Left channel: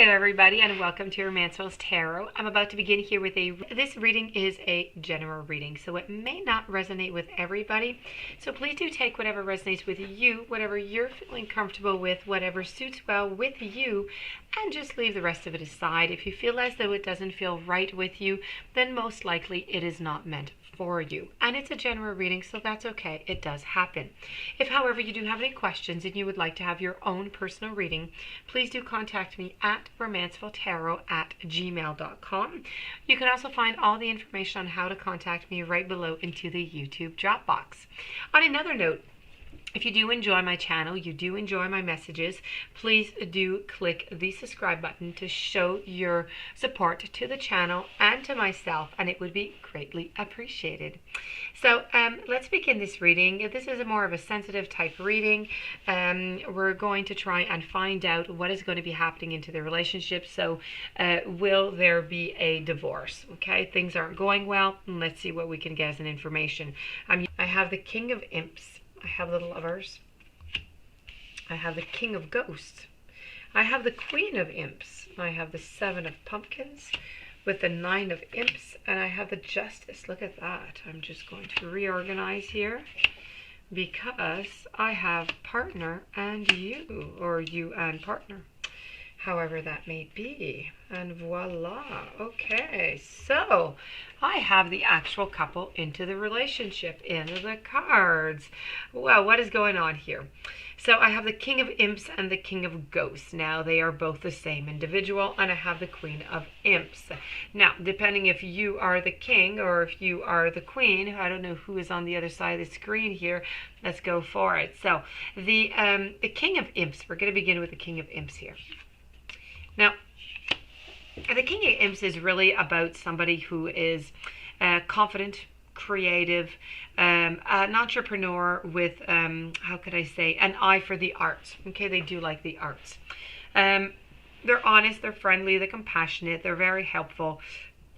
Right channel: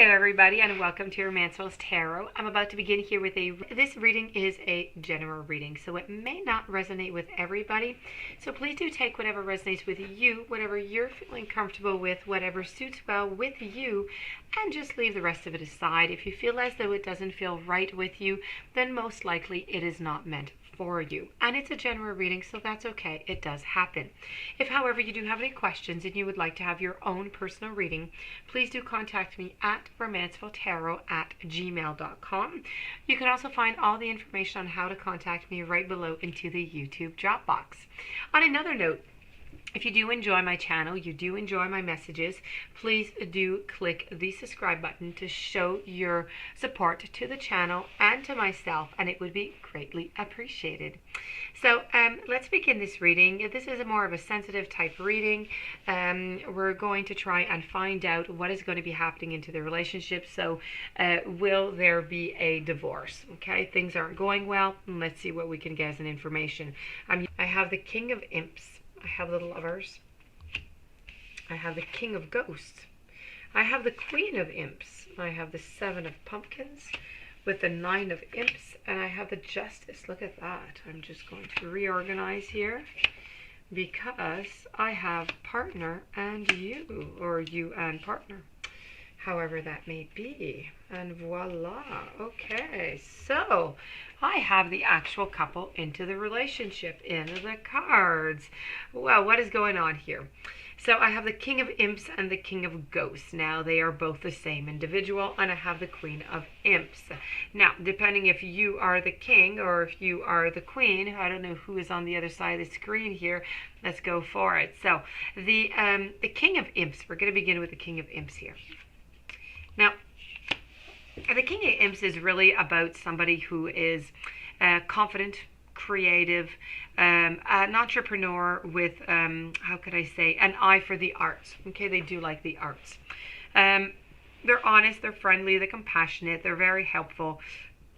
there, everybody, and welcome to Romancefull's Tarot. I'm about to begin here with this reading is a general reading, so it may not resonate with everybody. So please do take whatever resonates with you, whatever you're feeling comfortable with, whatever suits well with you, and just leave the rest of it aside. If you feel as though it doesn't feel right with you, then most likely it is not meant for you. And it's a general reading, so that's okay. It does happen. If, however, you do have any questions and you would like to have your own personal reading, please do contact me at romancefulltarot@gmail.com. You can also find all the information on how to contact me right below into the YouTube drop box. On another note, if you do enjoy my channel, you do enjoy my messages, please do click the subscribe button to show your support to the channel and to myself, and it would be greatly appreciated. So let's begin this reading. This is more of a sensitive type reading. We're going to try and find out what is going to be happening into the relationship. So will there be a divorce? Okay, things aren't going well. Let's see what we can get as an information. I have the King of Imps. I have the Lovers. I have the King of Ghosts. I have the Queen of Imps. I have the Seven of Pumpkins with the Nine of Imps. And I have the Justice. Look at that. I'm just going to reorganize here because I have partner and you, or you and partner, however that may be. And voila. Okay, so I have the actual couple into the relationship in the cards. Well, what is going on here? So I have the King of Imps and the King of Ghosts. Now, they are both the same individual, and I have the Queen of Imps. Now, depending if you are the king or if you are the queen, I don't know who is on the other side of the screen here. Let's go for it. So the King of Imps, we're going to begin with the King of Imps here. Now, the King of Imps is really about somebody who is confident, creative, an entrepreneur with, how could I say, an eye for the arts. Okay, they do like the arts. They're honest, they're friendly, they're compassionate, they're very helpful.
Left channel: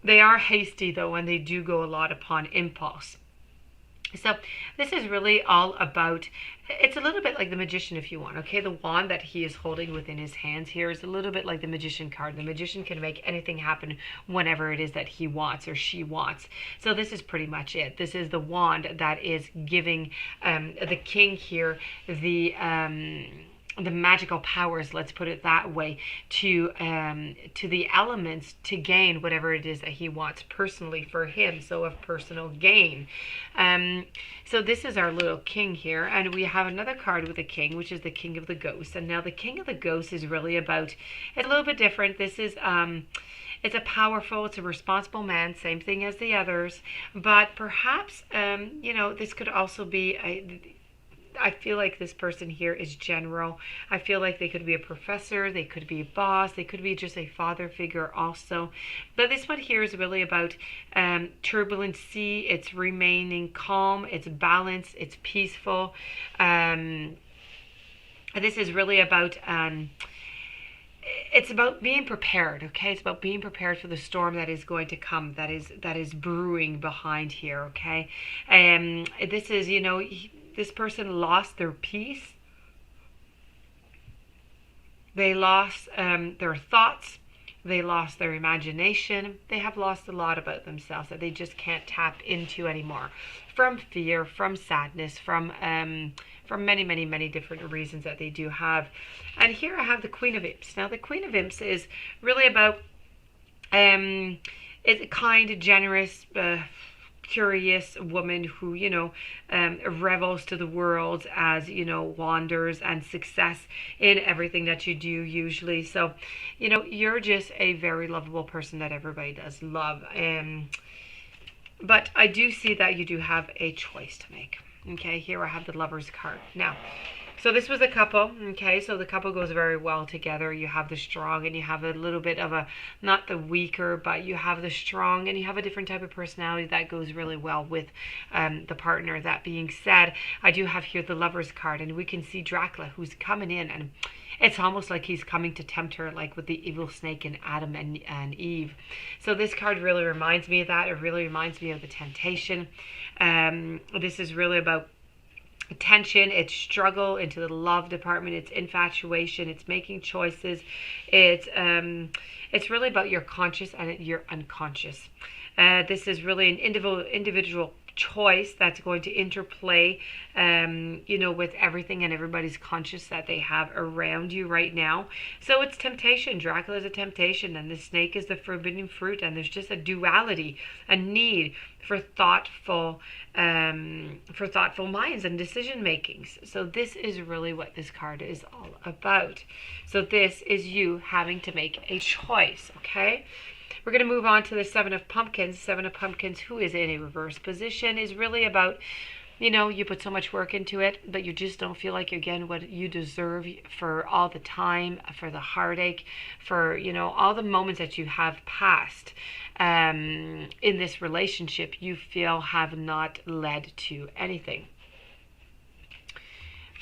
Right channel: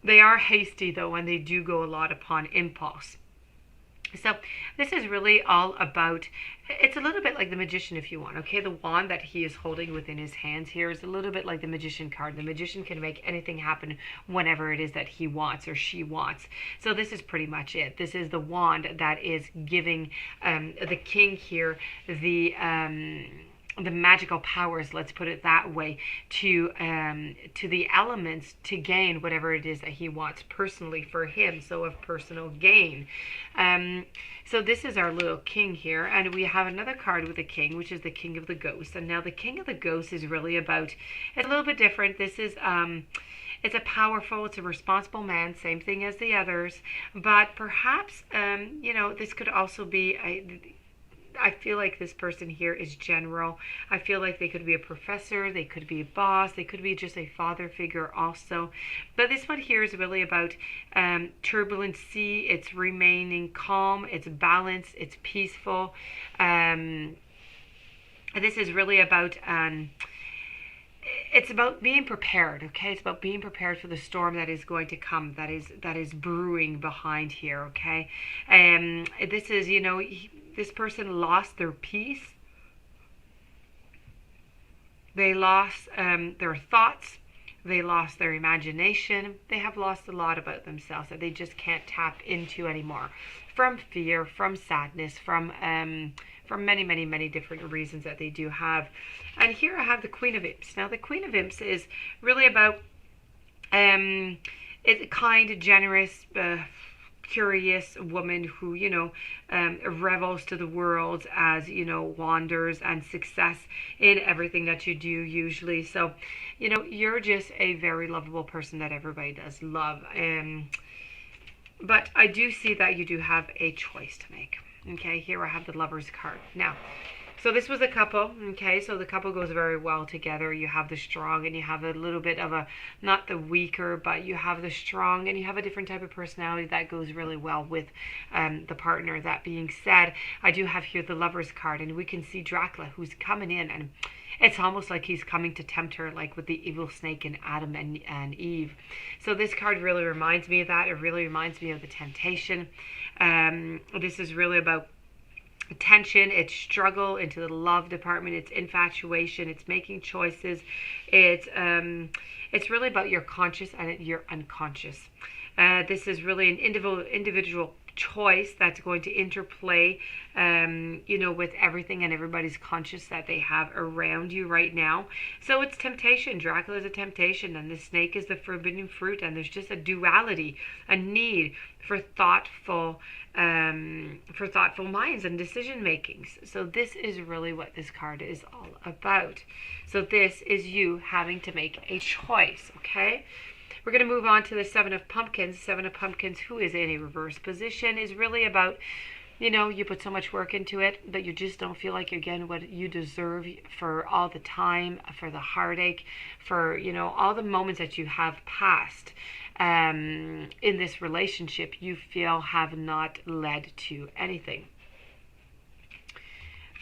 They are hasty, though, and they do go a lot upon impulse. So this is really all about, it's a little bit like the Magician, if you want. Okay, the wand that he is holding within his hands here is a little bit like the Magician card. The Magician can make anything happen whenever it is that he wants or she wants. So this is pretty much it. This is the wand that is giving the king here the magical powers, let's put it that way, to the elements to gain whatever it is that he wants personally for him, so of personal gain. So this is our little king here, and we have another card with the king, which is the King of the Ghosts. And now the King of the Ghosts is really about, it's a little bit different. This is it's a powerful, it's a responsible man, same thing as the others, but perhaps you know, this could also be I feel like this person here is general. I feel like they could be a professor, they could be a boss, they could be just a father figure also. But this one here is really about turbulent sea. It's remaining calm, it's balanced, it's peaceful. This is really about it's about being prepared. Okay, it's about being prepared for the storm that is going to come, that is brewing behind here. Okay, this is, you know, this person lost their peace. They lost their thoughts. They lost their imagination. They have lost a lot about themselves that they just can't tap into anymore, from fear, from sadness, from many, many, many different reasons that they do have. And here I have the Queen of Imps. Now, the Queen of Imps is really about it's a kind, generous, curious woman who, you know, revels to the world as, you know, wanders and success in everything that you do usually. So, you know, you're just a very lovable person that everybody does love. But I do see that you do have a choice to make. Okay, here I have the Lovers card. Now, so this was a couple, okay, so the couple goes very well together. You have the strong and you have a little bit of a, not the weaker, but you have the strong and you have a different type of personality that goes really well with the partner. That being said, I do have here the Lovers card, and we can see Dracula who's coming in, and it's almost like he's coming to tempt her, like with the evil snake and Adam and Eve. So this card really reminds me of that. It really reminds me of the temptation. This is really about tension, it's struggle into the love department, it's infatuation, it's making choices, it's really about your conscious and your unconscious. This is really an individual choice that's going to interplay, with everything and everybody's conscious that they have around you right now. So it's temptation. Dracula is a temptation, and the snake is the forbidden fruit, and there's just a duality, a need for thoughtful minds and decision makings. So this is really what this card is all about. So this is you having to make a choice, okay? We're going to move on to the Seven of Pumpkins. Seven of Pumpkins, who is in a reverse position, is really about, you put so much work into it, but you just don't feel like you're getting what you deserve for all the time, for the heartache, for, all the moments that you have passed in this relationship, you feel have not led to anything.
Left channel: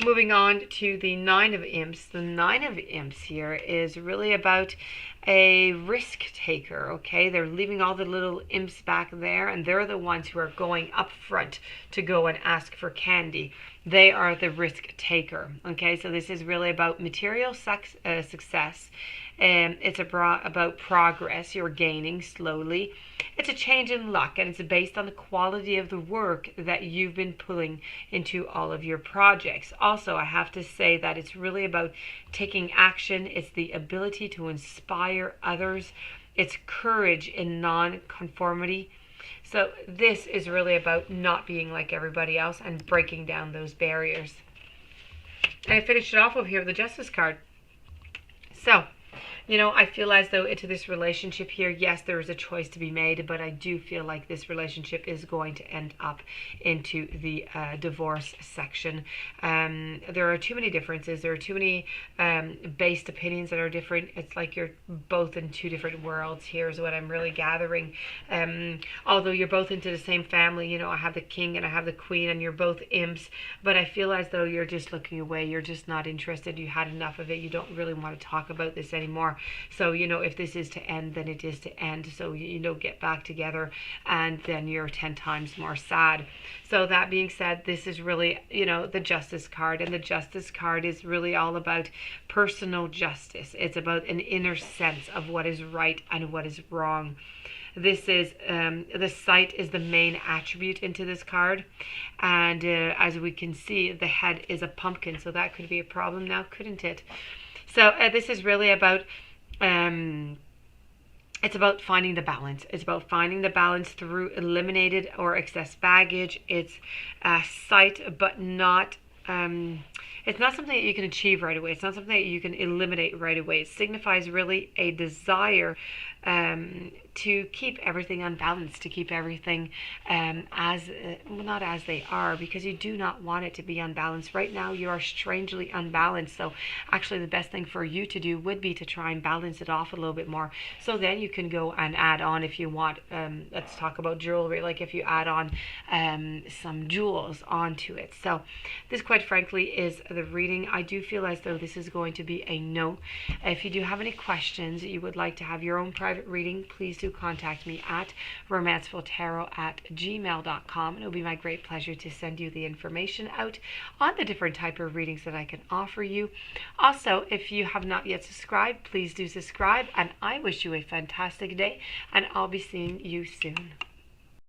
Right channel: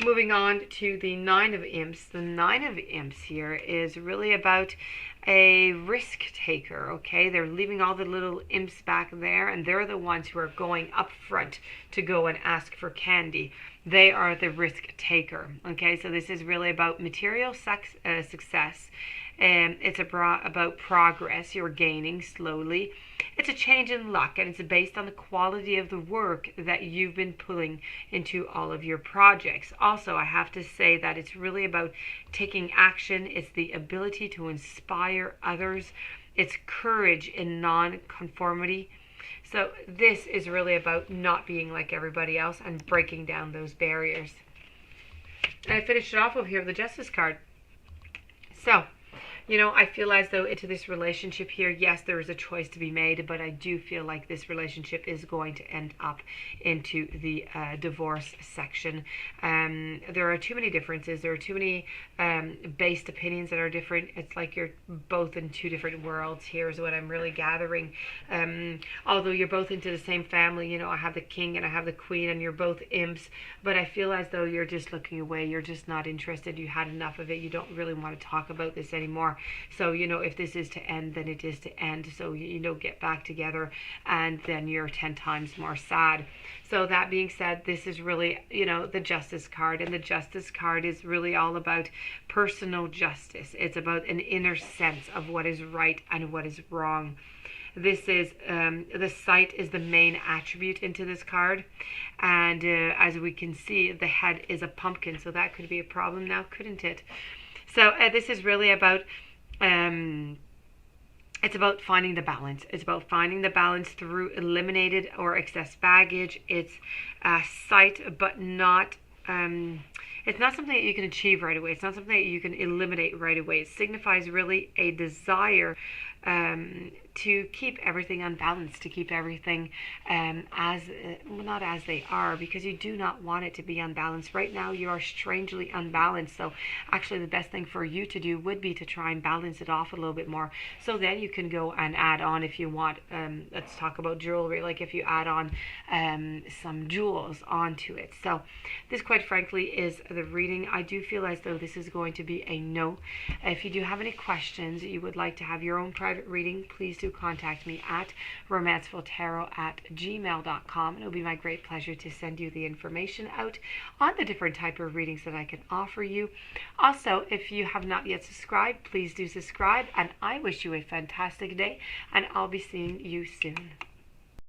Moving on to the Nine of Imps. The Nine of Imps here is really about a risk taker, okay? They're leaving all the little imps back there, and they're the ones who are going up front to go and ask for candy. They are the risk taker, okay? So this is really about material success. It's about progress you're gaining slowly. It's a change in luck, and it's based on the quality of the work that you've been pulling into all of your projects. Also, I have to say that it's really about taking action. It's the ability to inspire others. It's courage in non-conformity. So this is really about not being like everybody else and breaking down those barriers. And I finished it off over here with the Justice card. So, I feel as though into this relationship here, yes, there is a choice to be made, but I do feel like this relationship is going to end up into the divorce section. There are too many differences. There are too many based opinions that are different. It's like you're both in two different worlds here is what I'm really gathering. Although you're both into the same family, I have the king and I have the queen, and you're both imps, but I feel as though you're just looking away. You're just not interested. You had enough of it. You don't really want to talk about this anymore. So, if this is to end, then it is to end. So, get back together, and then you're 10 times more sad. So that being said, this is really, the Justice card. And the Justice card is really all about personal justice. It's about an inner sense of what is right and what is wrong. This is, the sight is the main attribute into this card. And as we can see, the head is a pumpkin. So that could be a problem now, couldn't it? So this is really about, it's about finding the balance. It's about finding the balance through eliminated or excess baggage. It's sight, but not, it's not something that you can achieve right away. It's not something that you can eliminate right away. It signifies really a desire to keep everything unbalanced, to keep everything not as they are, because you do not want it to be unbalanced. Right now you are strangely unbalanced, so actually the best thing for you to do would be to try and balance it off a little bit more, so then you can go and add on if you want. Let's talk about jewelry, like if you add on some jewels onto it. So this, quite frankly, is the reading. I do feel as though this is going to be a no. If you do have any questions, you would like to have your own private reading, please do contact me at romancefulltarot@gmail.com, and it'll be my great pleasure to send you the information out on the different type of readings that I can offer you. Also, if you have not yet subscribed, please do subscribe, and I wish you a fantastic day, and I'll be seeing you soon.